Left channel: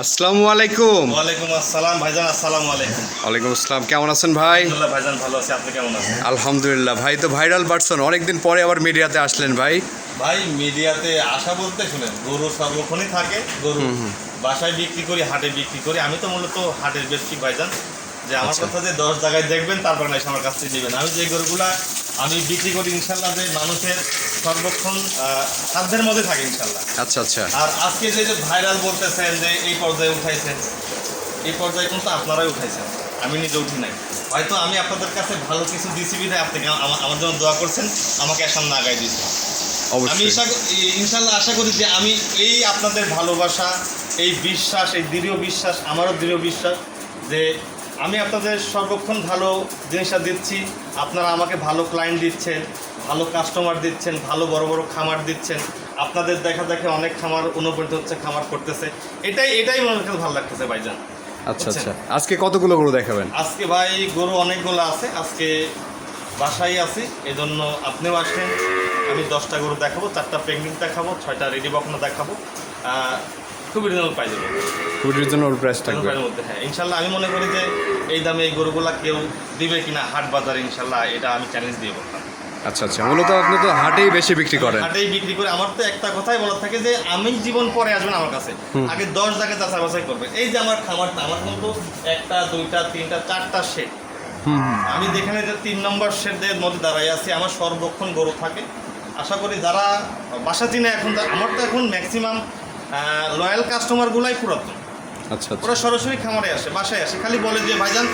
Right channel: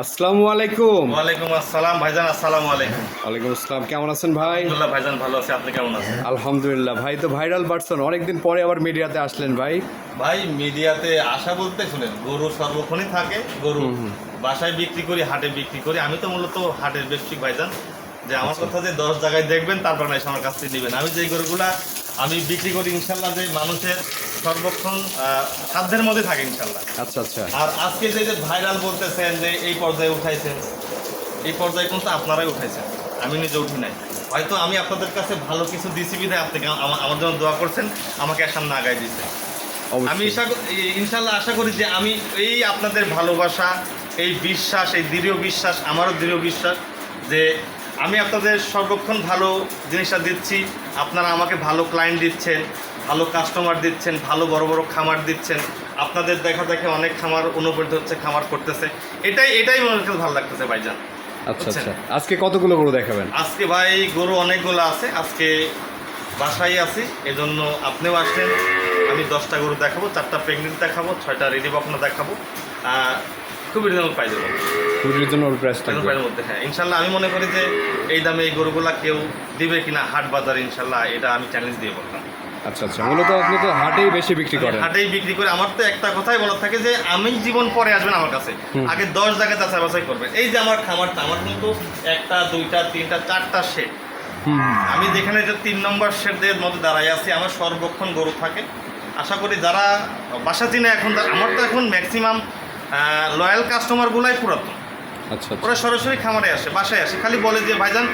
আসসালামু আলাইকুম। ওয়ালাইকুম আসসালাম ভাইজান আসসালামু আলাইকুম। ওয়ালাইকুম আসসালাম কেমন আছেন ভাই? ভাইজান ভালো আছি। আপনি কেমন আছেন? আলহামদুলিল্লাহ ভাই তো ভাইরাল পারসন অনেকদিন পরে আবার মিডিয়াতে আসলেন ভাই। ভাই মিডিয়াতে আশা বলতে শুনেন গরু সর্বক্ষণই থাকে গরু বাসায় বিক্রি করি হাটে বিক্রি করি। আমি তো মূলত হাটের বেশি ভাইজান। যে আমার কথা যে দশ জায়গায় দেখবেন তারপর না আমার কাছ থেকে নেবেন। আমি যে গরুগুলা আমি বিক্রি করি ইনশাল্লাহ যে মানুষের সর্বক্ষণ সাধ্যের মধ্যে থাকে ইনশাল্লাহ। আচ্ছা আচ্ছা। আর আজকে যে যে ভাইরাল বলতেছেন যে এই পর্যায়ে উঠাইছেন এই পর্যায়ে কিন্তু আপনারাই উঠাইছেন। আমি নিজে উঠি নাই। হয়তো আমি আপনাদের কাছে ভালো কিছু দিছি বিধায় আপনি আমা- আমার জন্য দোয়া করছেন আমাকে সামনে আগায় দিয়েছেন। আমি ইনশাল্লাহ আশা করি যে আমি এই আপনাদের ভালোবাসা এই বিশ্বাস এই দৃঢ় বিশ্বাস আমারও দৃঢ় বিশ্বাস যে আমি আপনাদের সর্বক্ষণ ভালো জিনিসটা দিচ্ছি। আপনারা আমাকে ভালো ক্লায়েন্ট দিচ্ছেন ভালো কাস্টমার দিচ্ছেন ভালো বড় বড় খামার দিচ্ছেন। আপনাদের দেখা দেখে অনেক খামার অনুপ্রাণিত হচ্ছে খামার করতেছে। এটাই এটাই মনে কাছে ভালো লাগতেছে ভাইজান। আচ্ছা আচ্ছা। আজকে কতগুলো গরু দেখাবেন? আজকে ভাই গরু অনেকগুলো আছে। আজকে বাসায় আছি এজন্য আপনিও আসলেন। আমি দশটা গরু দেখাবো চারটা প্রেগনেন্ট দেখাবো ছয়টা রেডি বকনা দেখাবো। খুবই রিজনেবল মধ্যে। গরুর জন্য ওর প্রাইস থাকবে। মধ্যে হ্যাঁ। ইনশাল্লাহ আমি মনে করি যে এই দামে এই গরুগুলা কেউ দিবে কিনা হাট বাজার ইনশাল্লাহ এটা আমি চ্যালেঞ্জ দিয়ে বললাম। আচ্ছা আচ্ছা। মূলত আপনি তো হাটেই বেশি বিক্রি করেন। হাটেই বিক্রি করে আমার তো একটা কথাই বলার থাকে যে আমি জীবন পরে আসবেন আমার কাছে। আগে দশ জায়গায় যাচাই বাছাই করবেন। এই যে আমার খামারটা আমার কিন্তু একটা দুইটা তিনটা চারটা শেড আমি যেখানে যে তিন নম্বর শেডের মধ্যে দাঁড়াই আছি আমার সর্বক্ষণ গরু থাকে। আশা করি যারা বাসা চিনে এখন আমার তো এখন ম্যাক্সিমাম লয়াল কাস্টমারগুলাই পুরাতন। আচ্ছা আচ্ছা। ওরা সরাসরি খামারে আসে বাসায় আসে। খালি বলে যে ভাইজান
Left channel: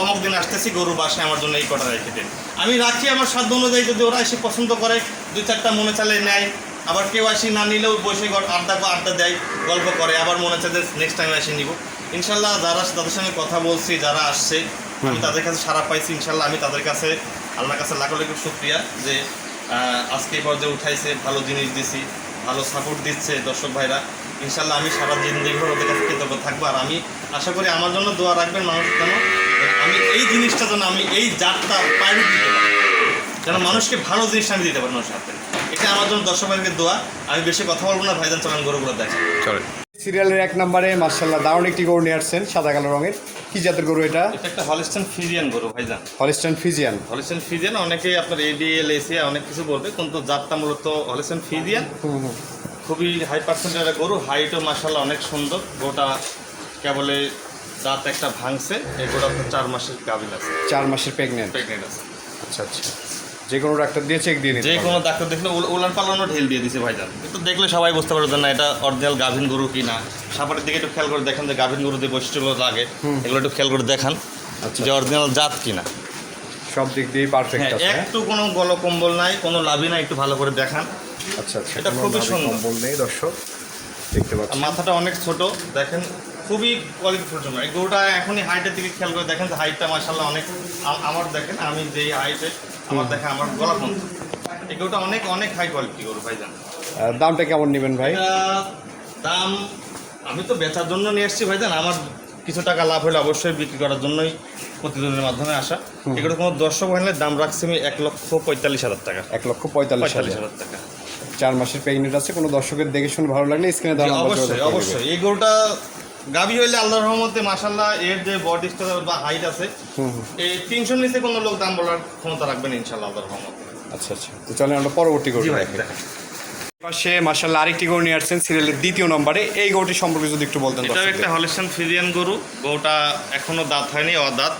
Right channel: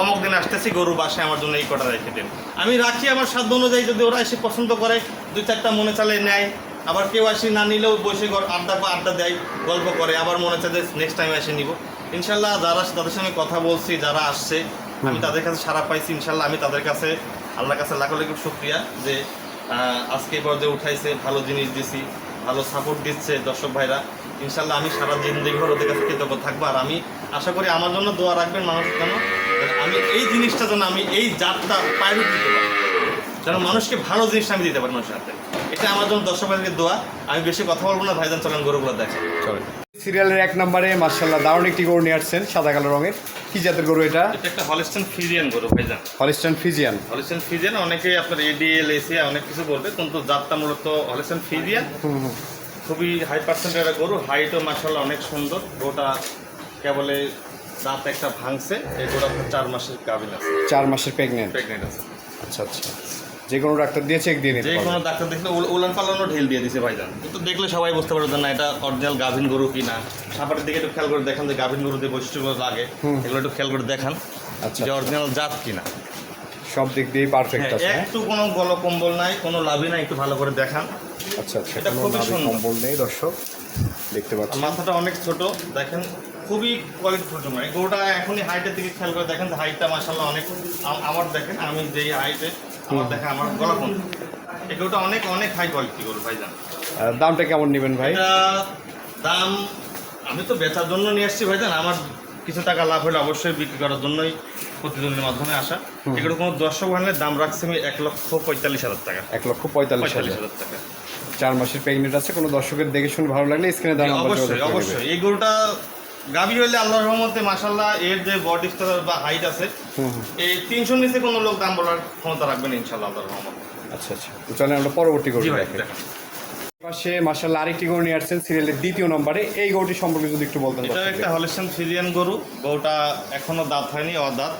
অমুক দিন আসতেছি গরু বাসায় আমার জন্য এই কটা রেখে দেন। আমি রাখি আমার সাধ্য অনুযায়ী যদি ওরা এসে পছন্দ করে দুই চারটা মনে চালে নেয়। আবার কেউ আসি না নিলেও বসে আড্ডা আড্ডা দেয় গল্প করে। আবার মনে চায় যে নেক্সট টাইম এসে নিব। ইনশাল্লাহ যারা তাদের সঙ্গে কথা বলছি যারা আসছে আমি তাদের কাছে সারা পাইছি ইনশাল্লাহ। আমি তাদের কাছে আল্লাহর কাছে লাখো লাখো শুক্রিয়া যে আজকে পর্যায়ে উঠাইছে ভালো জিনিস দিছি ভালো সাপোর্ট দিচ্ছে দর্শক ভাইরা। ইনশাল্লাহ আমি সারা জিন্দিগিভর ওদের কাছে কৃতজ্ঞ থাকব। আর আমি আশা করি আমার জন্য দোয়া রাখবেন মানুষ যেন আমি এই জিনিসটা যেন আমি এই জাতটা প্রাইভেট দিতে পারি। যেন মানুষকে ভালো জিনিসটা আমি দিতে পারি মানুষের হাতে। এটা আমার জন্য দর্শক ভাইকে দোয়া। আমি বেশি কথা বলব না ভাইজান চলেন গরুগুলো দেখেন। চলেন। সিরিয়ালের এক নম্বরে মার্শাল্লাহ দারুণ একটি গরু নিয়ে আসছেন সাদা কালো রঙের। কি জাতের গরু এটা? এটা একটা হলিস্টান ফিজিয়ান গরু ভাইজান। Holstein Friesian. হলিস্টান ফিজিয়ান অনেকেই আপনার এডিএল এসিয়া অনেক কিছু বলবে কিন্তু জাতটা মূলত হলিস্টান ফিজিয়ান। হুম হুম। খুবই হাই পার্সেন্টের একটা গরু। হাইটও মাসাল্লাহ অনেক সুন্দর। গরুটা কেবলে দাঁত একটা ভাঙছে। এই গোটা চার মাসের গাভিন আছে। চার মাসের প্রেগনেন্ট প্রেগনেন্ট আছে। আচ্ছা আচ্ছা। যে কোনো ডাক্তার দিয়ে চেক দিয়ে নিতে যে কোনো ডাক্তার দেখলে উল- উলান পালানো ঢেল দিয়ে দিছে ভাইজান। কিন্তু দেখলে সবাই বুঝতে পারবে না এটা অরিজিনাল গাভিন গরু কি না। সাপাটের দিকে একটু খেয়াল করে দেখেন যে গাভিন গরু যে বৈশিষ্ট্যগুলো লাগে। এগুলো একটু খেয়াল করে দেখান আচ্ছা। যে অরিজিনাল জাত কি না। সব দিক দিয়েই পারফেক্ট হ্যাঁ, আছে হ্যাঁ? একটু কোনো গল কম্বল নাই কোনো লাভই নাই একটু ভালো করে দেখান। আচ্ছা আচ্ছা এটা খুবই। কম্বল নেই দর্শক। দেখতে পাচ্ছেন মাথাটা অনেক ছোট দেখেন খুবই কোয়ালিটি ফুল এই গরুটা এখনই হাইটের দিকে খেয়াল করে দেখেন হাইটটা মাসাল্লাহ অনেক আমার দেখেন আমি যেই হাইটে আমার দেখেন আমার গলা পর্যন্ত। এই গরুটা অনেক অনেক হাই কোয়ালিটি গরু ভাই জান দামটা কেমন নেবেন ভাই? দাম আমি তো বেচার জন্য নিয়ে এসেছি ভাই জান আমার কিছু টাকা লাভ হলে অবশ্যই বিক্রি করার জন্যই প্রতিদিনের মাধ্যমে আসা। এগুলো কোনো দর্শক হলে দাম রাখছি আমি এক লক্ষ পঁয়তাল্লিশ হাজার টাকা। এক লক্ষ পঁয়তাল্লিশ হাজার। টাকা। চার মাসের প্রেগনেন্ট আছে কোনো দর্শকের দেখে শুনে ভালো লাগলে স্ক্রিনে যোগাযোগ অবশ্যই অবশ্যই। এই গরুটা গাভী হইলে আল্লাহর রহমতে মাসাল্লাহ এর যে বডি স্ট্রাকচার বা হাইট আছে এই তিনশোর নিচে কোনো লোক দাম বলার ক্ষমতা রাখবেন ইনশাল্লাহ আল্লাহর রহমতে। আচ্ছা আচ্ছা। তো চলেন আমরা পরবর্তী গরু দেখি। পাশে মার্শাল্লাহ আরেকটি গরু নিয়ে আসছেন সিরিয়ালের দ্বিতীয় নম্বরে। এই গরুটি সম্পর্কে যদি একটু বলতেন এটা। একটা হলিস্টান ফিজিয়ান গরু। গরুটা এখনও দাঁত হয়নি অদাঁত।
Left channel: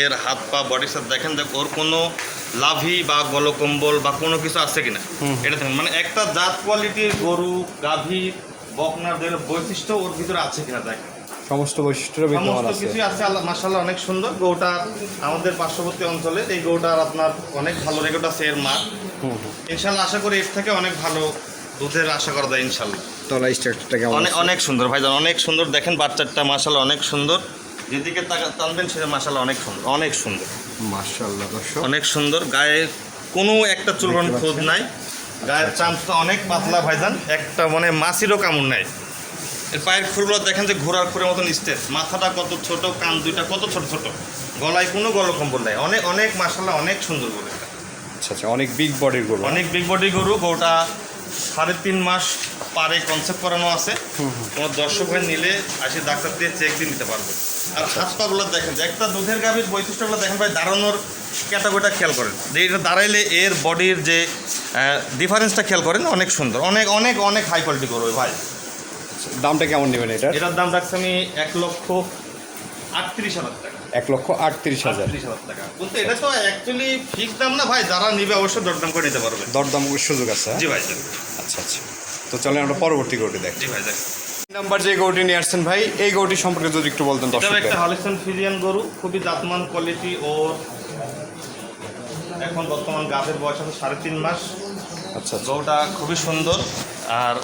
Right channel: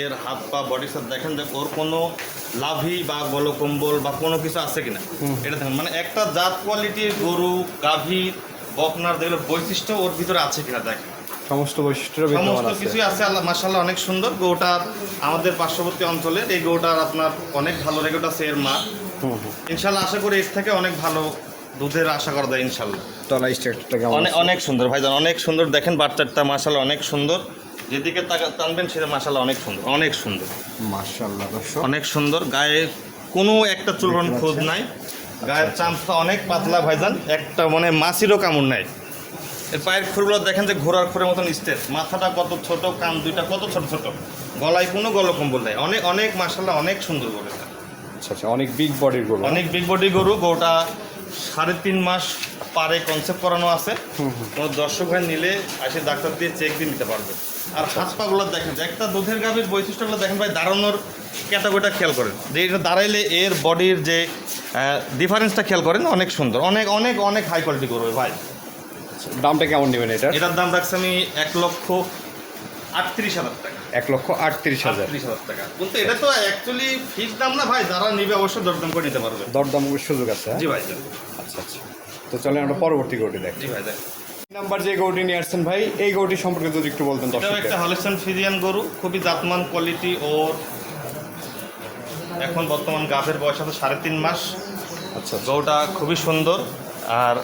এর হাত পা বডি সাথে দেখেন দেখ ওর কোনো লাভি বা গলকম্বল বা কোনো কিছু আছে কিনা। এটা দেখুন মানে একটা জাত কোয়ালিটির গরু গাভী বকনার যেগুলো বৈশিষ্ট্য ওর ভিতরে আছে কিনা দেখেন। সমস্ত বৈশিষ্ট্য বিদ্যমান আছে। কিছুই আছে আল্লাহ মাসাল্লাহ অনেক সুন্দর। গরুটা আমাদের পার্শ্ববর্তী অঞ্চলে এই গরুটার আপনার অনেক ভালো রেকর্ড আছে এর মা ইনশাল্লাহ আশা করি এর থেকে অনেক ভালো দুধের আশা করা যায় ইনশাল্লাহ তলা স্ট্রাকচারটা কেমন অনেক অনেক সুন্দর ভাইজান অনেক সুন্দর। দেখেন বাচ্চাটা মাসাল্লাহ অনেক সুন্দর। যেদিকে টানবেন সেটা মাসাল্লাহ অনেক সুন্দর অনেক সুন্দর। মার্শাল্লাহ দর্শক। অনেক সুন্দর গায়ে কোনো একটা চুলন খোঁজ নাই। গায়ের চামচটা অনেক পাতলা ভাইজান একটা মানে মাছিরও কামড় নাই। এর পায়ের খুরগুলো দেখেন যে ঘোড়ার খুরের মতন স্টেজ মাথাটা কত ছোট কান দুইটা কত ছোট ছোট। গলায় কোনো গলকম্বল নাই। অনেক অনেক মাসাল্লাহ অনেক সুন্দর গরু আচ্ছা আচ্ছা অনেক বিগ বডির গরু অনেক বিগ বডির গরু গরুটা সাড়ে তিন মাস পারে কনসেপ্ট করানো আছে। তোমার দর্শক ভাই নিলে আসে ডাক্তার দিয়ে চেক দিয়ে নিতে পারবে। আর হাত পাগুলো দেখেন একটা দুধের গাভীর বৈশিষ্ট্যগুলো দেখেন ভাই দাঁড়ানোর ক্যাটাগরিটা খেয়াল করেন। যে এটা দাঁড়াইলে এর বডির যে ডিফারেন্সটা খেয়াল করেন অনেক সুন্দর। অনেক অনেক অনেক হাই কোয়ালিটি করবে ভাই। দামটা কেমন নেবেন এটা এটার দাম রাখছি আমি এক লক্ষ আটত্রিশ হাজার টাকা। এক লক্ষ আটত্রিশ হাজার। টাকা। কিন্তু এটা তো অ্যাকচুয়ালি ফিক্স দাম না ভাই? যারা নিবে অবশ্যই দরদাম করে নিতে পারবে। দরদাম সুযোগ আছে হ্যাঁ? জি ভাই আচ্ছা আচ্ছা। তো চলেন আমরা পরবর্তী গরুটি দেখ। জি ভাই নাম্বার যে গরুটি নিয়ে আসছেন ভাই এই গরুটি সম্পর্কে যদি একটু বলতেন এটাও একটা হলিস্টান ফিজিয়ান গরু খুবই জাতমান কোয়ালিটি ওর। এখন বর্তমান গাছের বয়স আছে সাড়ে তিন মাস। আচ্ছা আচ্ছা। গরুটা খুবই সুন্দর। আর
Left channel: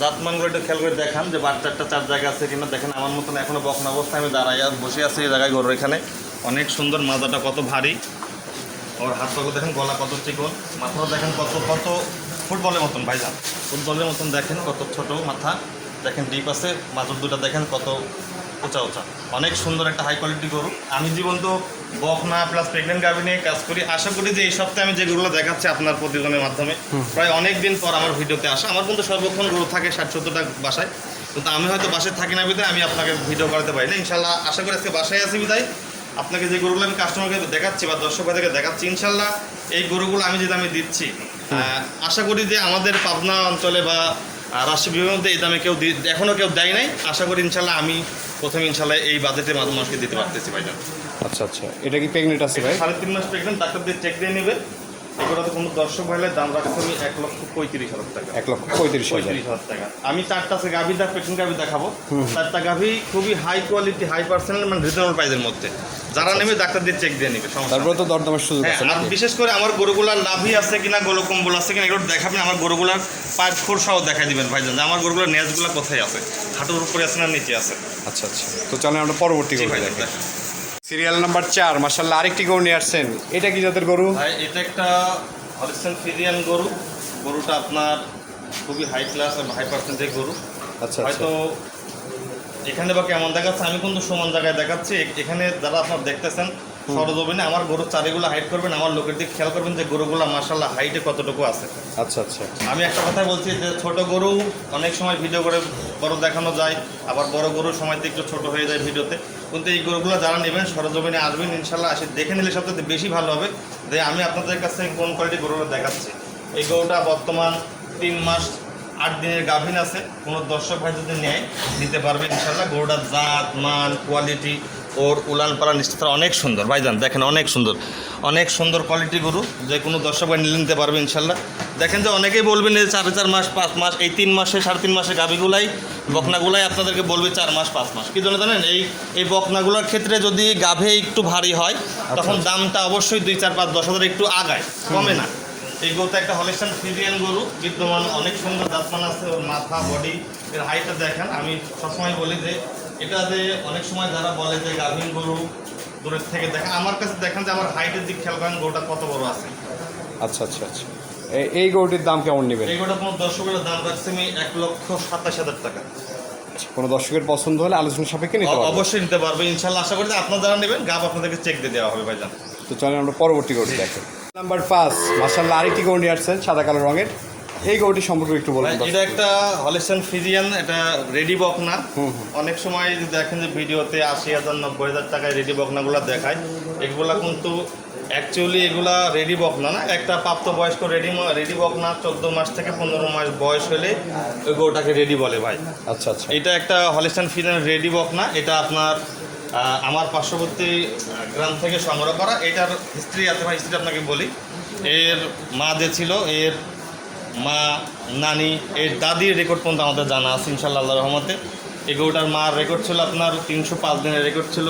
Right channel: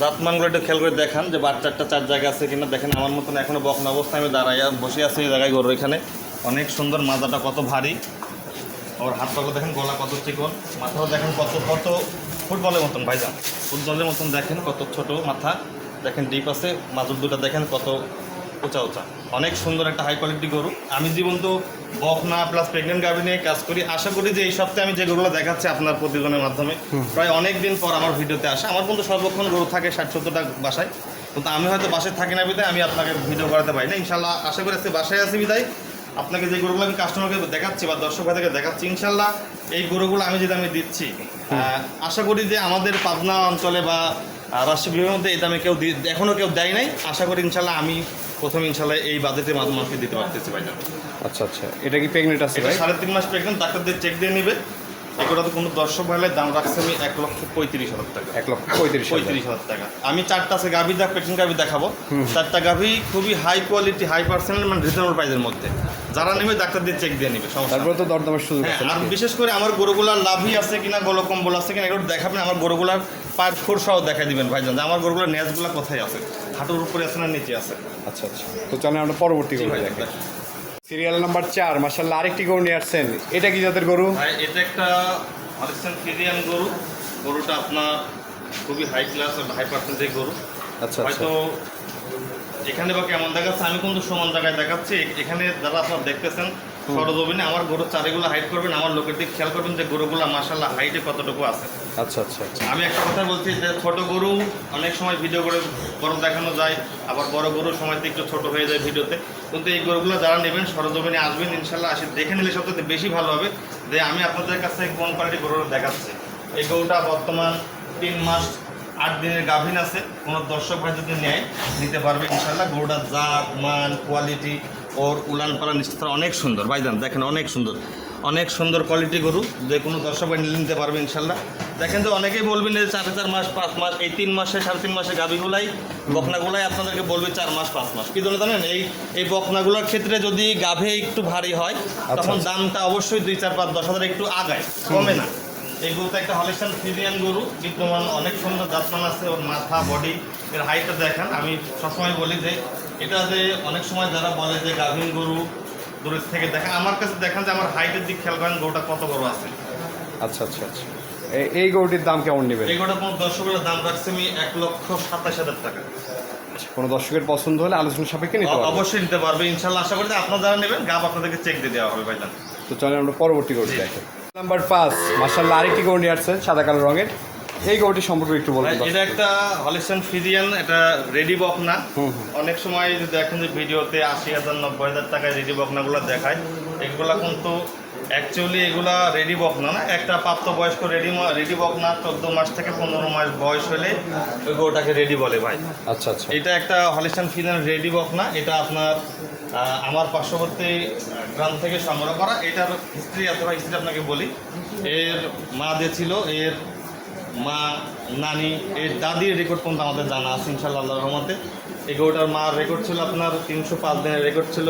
জাতমানগুলো একটু খেয়াল করে দেখান যে বাচ্চাটা চার জায়গা আছে কিনা। দেখেন আমার মতন এখনও বকন অবস্থায় আমি দাঁড়াই বসে আছি এই জায়গায় গরু এখানে। অনেক সুন্দর মাজাটা, কত ভারী। ওর হাত পাগুলো দেখেন, গলা কত চিকন, মাথাও দেখেন কত কত ফুটবলের মতন ভাইজান। ফুটবলের মতন দেখেন, কত ছোট মাথা। দেখেন ডিপ আছে মাথার দুটো দেখেন কত উঁচা উঁচা। অনেক সুন্দর একটা হাই কোয়ালিটি গরু। আমি জীবন তো বকনা প্লাস প্রেগনেন্ট গাভি নিয়ে কাজ করি। আশা করি যে এই সপ্তাহে আমি যে গরুগুলো দেখাচ্ছি আপনার প্রতিবেদনের মাধ্যমে প্রায় অনেক দিন পর আমার ভিডিওতে আসা। আমার কিন্তু সর্বক্ষণ গরু থাকে ষাট সত্তরটা বাসায়। কিন্তু আমি হয়তো বাসায় থাকি না বিদায় আমি আপনাকে ভিডিও করাতে পারি না। ইনশাল্লাহ আশা করি আজকে বাসায় আছি বিদায়। আপনাকে যে গরুগুলো আমি কাস্টমারকে দেখাচ্ছি বা দর্শক দেখাচ্ছি ইনশাল্লাহ এই গরুগুলো আমি যে আমি দিচ্ছি আশা করি যে আমাদের পাবনা অঞ্চলে বা আহ, রাষ্ট্রীয় বিভাগের মধ্যে এই দামে কেউ এখনও কেউ দেয় নাই। আশা করি ইনশাল্লাহ আমি প্রথম ইনশাল্লাহ এই বাজেটের মাধ্যমে মানুষকে দিতে পারতেছি ভাইজান। আচ্ছা আচ্ছা। এটা কি প্রেগনেন্ট আছে ভাই? সাড়ে তিন মাস প্রেগনেন্ট ডাক্তারদের দিয়ে চেক দিয়ে নেবে। এগুলোতে কোনো দর্শক হলে দাম রাখছে আমি এক লক্ষ পঁয়ত্রিশ হাজার টাকা। এক লক্ষ পঁয়ত্রিশ হাজার। পঁয়ত্রিশ হাজার টাকা। আমি চারটা আছে গাভি দেখ পেটিং গাভি দেখাবো। চারটা গাভি খুবই হাই কোয়ালিটি হাই পার্সোনাল মানে প্রাইসের মধ্যে। যারা নেবে ডাক্তার দিয়ে চেক দিয়ে নেবে তারপরে তো দরদামের সুযোগ হ্যাঁ, আছে আর বিশেষ করে আমার গরুগুলার লাভই আছে কিনা গোলো কম্বল আছে কিনা এগুলো দেখাবেন আমার গরুগুলার পায়ের ফোর সহ দেখাই দিবেন ভাইজান। আমার গরুগুলোর নেজগুলো কোথায় আছে? হাঁটুর উপরে আছে না নিচে আছে? আচ্ছা আচ্ছা। তো চলেন আমরা পরবর্তী গরু সিরিয়াল নাম্বার চার মাসাল্লাহ আরেকটি গরু নিয়ে আসছেন। এটা কি যাদের গরু? এটা একটা হলিস্টান সিরিয়াল গরু। গরুটা আপনার খুবই হাই ক্লাস হাই পার্সেন্টের গরু। আচ্ছা আচ্ছা। হয়তো এখানে বা কেমন দেখাচ্ছে আমি কিন্তু সমান জায়গায় দেখাচ্ছি। এখানে যারা আপনার দেখতেছেন সরজমিনে আমার গরুর চারিগুলো হাইট করবেন আমার লোকের দিকে খেয়াল করবেন যে গরুগুলো মাসাল্লাহ হাইটে কতটুকু আছে। আচ্ছা আচ্ছা আচ্ছা। আমি একটা কথা বলছি যে ছোট গরু অনেক সময় ভিডিও করে বড় দেখানো যায় আবার বড় গরু সময় একটু ছোট হয়ে যায় ভিডিওতে কিন্তু এই গরুগুলো যারা নেবেন সরজমিনে আসবেন ইনশাল্লাহ আসে দেখে নিলে সবচেয়ে বেশি ভালো হবে যে আমি আপনাদের কাছে কোন কোয়ালিটি গরুটা দেখাচ্ছি। এই গরুটা বর্তমান তিন মাস আট দিনের গাভীন আছে। কোনো দর্শক ভাই যদি নেয় নিতে পারবে ইনশাল্লাহ গরুটার জাত মান কোয়ালিটি ওর উলান পালান নিশ্চিত অনেক সুন্দর। ভাইজান দেখেন অনেক সুন্দর। অনেক সুন্দর কোয়ালিটি গরু। যে কোনো দর্শক ভাই নিলে নিতে পারবে ইনশাল্লাহ দেখেন যে অনেকেই বলবেন যে চার চার মাস পাঁচ মাস এই তিন মাসে সাড়ে তিন মাসে গাভীগুলাই বকনাগুলাই আপনাদেরকে বলবে চার মাস পাঁচ মাস। কী জন্য জানেন? এই এই বকনাগুলোর ক্ষেত্রে যদি গাভে একটু ভারী হয় তখন আচ্ছা। দামটা অবশ্যই দুই চার পাঁচ দশ হাজার একটু আগায়। কমে না। এই গরুটা একটা হলিস্টান ফিজিয়ান গরু বিদ্যমান অনেক সুন্দর জাতমান আছে ওর মাথা বডি এর হাইটটা দেখেন। আমি সবসময় বলি যে এটা যে অনেক সময় যারা বলে যে গাভীন গরু দূরের থেকে দেখেন আমার কাছে দেখেন যে আমার হাইটের দিক খেয়াল করেন গরুটা কত বড় আছে। আচ্ছা আচ্ছা আচ্ছা। এই গরুটির দাম কেমন নেবেন? এই গরুটা কোনো দর্শকের দাম রাখছে আমি এক লক্ষ সাতাশ হাজার টাকা। কোনো দর্শকের পছন্দ হলে আলোচনা সাপেক্ষে নিতে পারবেন অবশ্যই নিতে পারবে ইনশাল্লাহ। আশা করি আপনারা যারা নেবেন গাব আপনাদেরকে চেক দিয়ে দেওয়া হবে ভাইজান। তো চলেন আমরা পরবর্তী গরুটি দেখেন নাম্বার পাঁচ মাসাল্লাহ আরেকটি গরু নিয়ে আসছেন সাদা কালো রঙের। এই গরুটি সম্পর্কে একটু বলুন এটা একটা হলিস্টান ফিজিয়ান এটা রেডি বক না। হুম, হুম। অনেক সময় যদি দেখেন যে ভিডিওতে আশি হাজার নব্বই হাজার টাকায় রেডি বকনাগুলো দেখায় এগুলা কিন্তু অ্যাকচুয়ালি এগুলা রেডি বকনা না একটা প্রাপ্তবয়স্ক রেডি রেডি বকনা চোদ্দ মাস থেকে পনেরো মাস বয়স হলে ওই গরুটাকে রেডি বলে ভাই। আচ্ছা আচ্ছা। এটা একটা হলিস্টান ফিজিয়ান রেডি বকনা এটা আপনার আমার পার্শ্ববর্তী গ্রাম থেকে সংগ্রহ করা। এটার হিস্ট্রি ভাই হিস্ট্রি আপনাকে বলি। এর মা যে ছিল এর মা নানি এর দাদির রেকর্ড পর্যন্ত আমাদের জানা আছে ইনশাল্লাহ আল্লাহ রহমতে। এই গরুটার মার রেকর্ড ছিল আপনার তিনশো পাঁচ দিনের রেকর্ড ছিল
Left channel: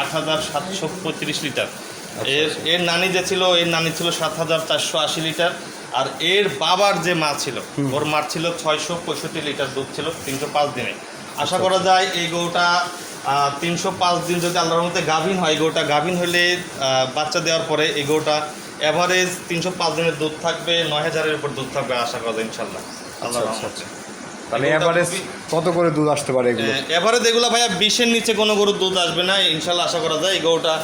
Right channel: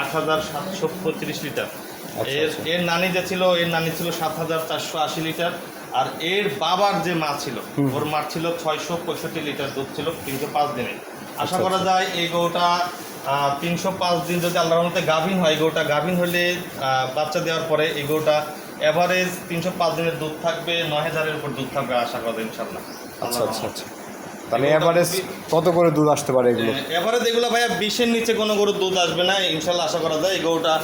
আট হাজার সাতশো পঁয়ত্রিশ লিটার। আচ্ছা, এর আচ্ছা। এর নানি যে ছিল এর নানি ছিল সাত হাজার চারশো আশি লিটার। আর এর বাবার যে মা ছিল ওর মার ছিল ছয়শো পঁয়ষট্টি লিটার দুধ ছিল তিনশো পাঁচ দিনে। আশা আচ্ছা, করা যায় এই গরুটা তিনশো পাঁচ দিন যদি আল্লাহর মতে গাভিন হয় গরুটা গাভিন হলে বাচ্চা দেওয়ার পরে এই গরুটা অ্যাভারেজ তিনশো পাঁচ দিনের দুধ থাকবে নয় হাজারের উপর দুধ থাকবে আশা করা যায় ইনশাল্লাহ আচ্ছা আচ্ছা আচ্ছা। তাহলে এভারেজ কত করে দুধ আসতে পারে এগুলো? এবারে যেগুলো ভাইয়া বিশের নিচে কোনো গরুর দুধ আসবে না ইনশাল্লাহ আশা করা যায়। এই গরুটা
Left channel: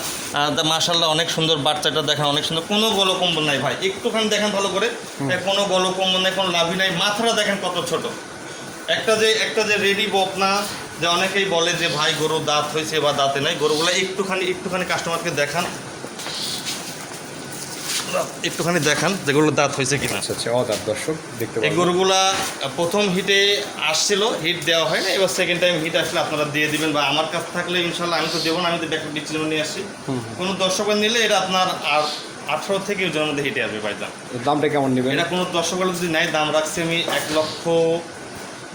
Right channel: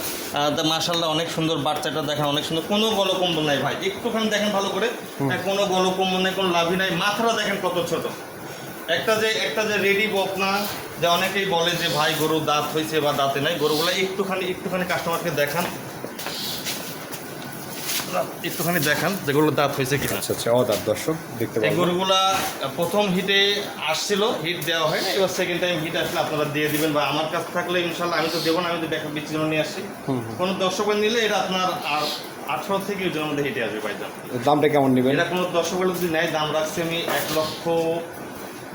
মাসাল্লাহ অনেক সুন্দর বাচ্চাটা দেখেন অনেক সুন্দর। কোনো গলকম্ব নাই ভাই একটুখানি দেখেন ভালো করে। কোনো গলকম্ব নেই কোনো লাভই নাই। মাথাটা দেখেন কত ছোট। একটা যে একটা যে রেডি বকনা যে অনেকেই বলে যে ভাই গরু দাঁত হয়েছে বা দাঁতে নাই গরুগুলো একটুখানি একটুখানি কাস্টমারকে দেখান। একটুখানি দেখান যেগুলো দাঁত হয়েছে কিনা। আচ্ছা আচ্ছা দর্শক দেখতে এই গরুগুলা প্রথম হিটে আসছিল হিট দেওয়া হয় না এবার সেকেন্ড টাইম হিট আসলে আপনারা দিয়ে দিবেন বা আমার কাছে থাকলে ইনশাল্লাহ আমি তো দেবো না আমি তো ব্যাকআপ বিচ্ছিন্ন নিয়ে আসছি। কোনো দর্শকের নিলে এটা আপনার আর আঠারো থেকে ওজনের মধ্যে হিটে আসবে পাইজাম দামটা কেমন নেবেন? এটা কোনো দর্শকের যদি নেয় দাম রাখছি আমি এক লক্ষ